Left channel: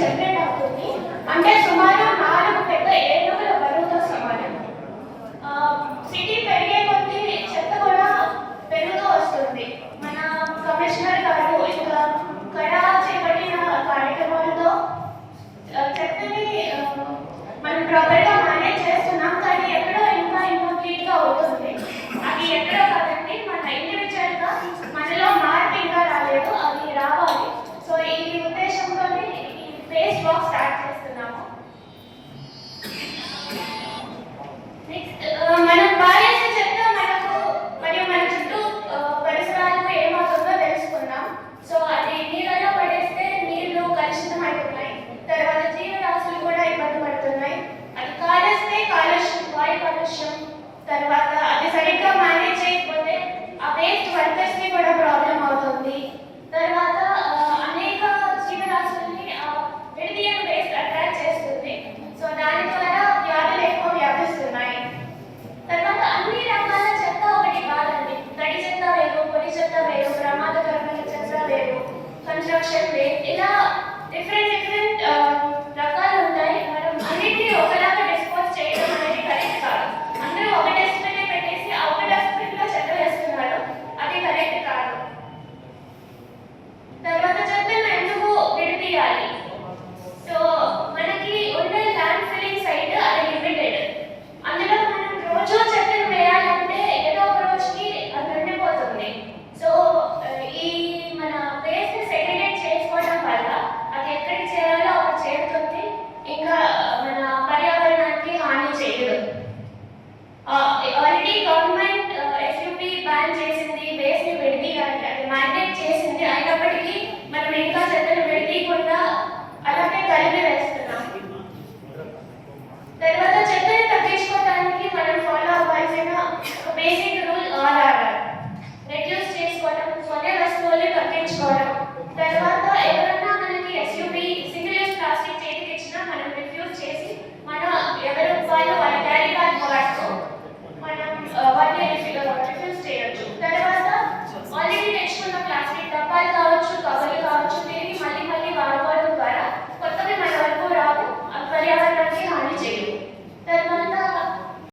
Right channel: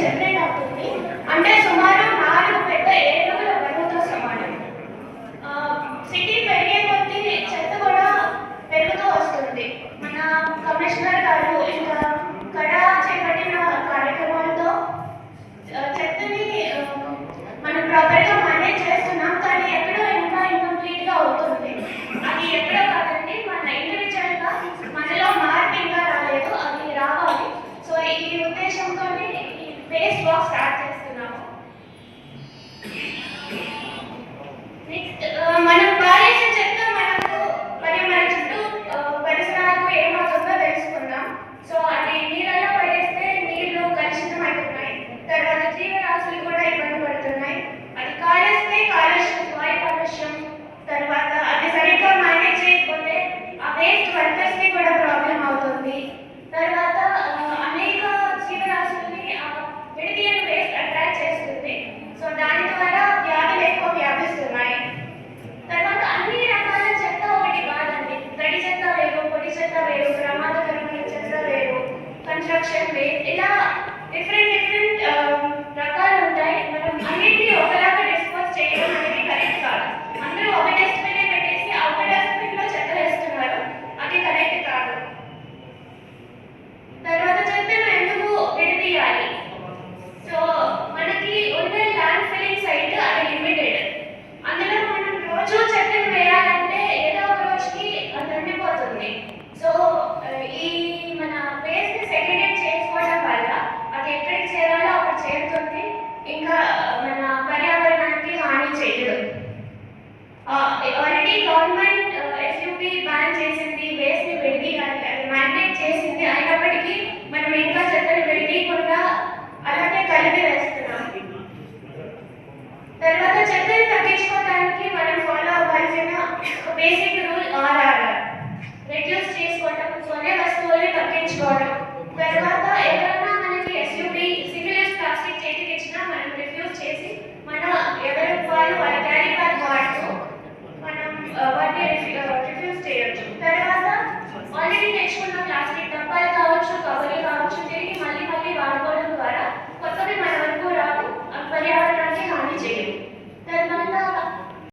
Generate అవుతుంది. అంటే సుమారు 4 పెద్ద ఏనుగుల బరువుతో సమానం. సిటీ పెరిగే కొద్దీ చెత్త కూడా పెరుగుతూ వస్తుంది. మన కమిషనర్ గారు ఇంకా కడా చేపట్టిన కార్యక్రమాలతో చెత్తని మనం ప్రాపర్గా మేనేజ్ చేస్తున్నాం, కానీ ఎక్కడో ఇంకా ఇన్కంప్లీట్గా అవుతుంది. అది ఎక్కడో కాదండి, మన ఇండివిజువల్గా మనలో మార్పు ఇంకా రాలేదు, అది రావాలి. సో ఈ ఉద్దేశంతో ఈ ఫేస్ వాక్ స్టార్ట్ చేస్తున్నాము. నెక్స్ట్ మనం పారేసే చెత్త మనకు మరియు మన చుట్టూ పరిసరాలకు ఏమవుతుందో తెలుసుకుందాం. సో అది నీళ్ళలో పడేస్తే నీళ్లు కలుషితం అవుతున్నాయి, తర్వాత జీవరాశులు కూడా ఇబ్బంది పడుతున్నాయి. అది కాలేస్తే కాలుష్యం, వాయు కాలుష్యం, తర్వాత అది సరిగ్గా మేనేజ్ చేయకపోతే ఆ వేస్ట్ వర్కర్స్కి కూడా ప్రాబ్లం అవుతుంది. తర్వాత అనేక జీవరాశుల్ని విడిదీయని వేస్ట్ అట్రాక్ట్ చేస్తుంది. సో దాని ద్వారా వ్యాధులు ఎక్కువ వ్యాపిస్తున్నాయి. తర్వాత అన్ని రకాల చెత్త ఒకటి కాదండి. తడి చెత్త వేరు, పొడి చెత్త వేరు, ప్రమాదకరమైన చెత్త వేరు, కన్స్ట్రక్షన్ వేస్ట్, ఇలా డిఫరెంట్ రకాలు ఉంటాయి. మనం అన్నింటినీ ఒకలాగా డిస్పోజ్ చేయడం అనేది కరెక్ట్ కాదు. అందరూ ఒక డస్ట్బిన్ పెట్టేసి ఆ ఒక డస్ట్బిన్ లో చెత్త వేస్తున్నారు, అది కరెక్ట్ కాదు. తర్వాత చెత్తను ఎందుకు విడదీయాలి? సో మనకి ఉండే ల్యాండ్ ఫిల్లింగ్ సైట్ అది లిమిటెడ్. అందులో మనం రోజు చెత్తను వేయాలంటే ఏదో ఒక రోజుకి అది ఉండిపోతుంది. సో ఈ మన వేస్ట్ సెగ్రిగేట్ చేసుకోవడం వల్ల అది ఎక్కడికి చేరాలో అక్కడ చేరుతుంది, ఇంకా మన పర్యావరణానికి హాని చేయదు. ఆల్రెడీ గవర్నమెంట్ ఎస్యూపీ బ్యాన్ చేసింది వేస్ట్ ని విడదీయడానికి, అది మ్యాండేట్ చేసింది. అయినప్పటికీ మనం ఇంకా చెత్తను విడదీయకుండా అలాగే కలిపి వేస్తున్నాం. తర్వాత చెత్తని తగ్గించుకోవడానికి మనం ఫాలో అవ్వాల్సిన బేసిక్ రూల్ RRR, రెడ్యూస్ చేసుకోవడం, కొనే వస్తువుల్ని తగ్గించుకోవడం, తర్వాత ఎవరైనా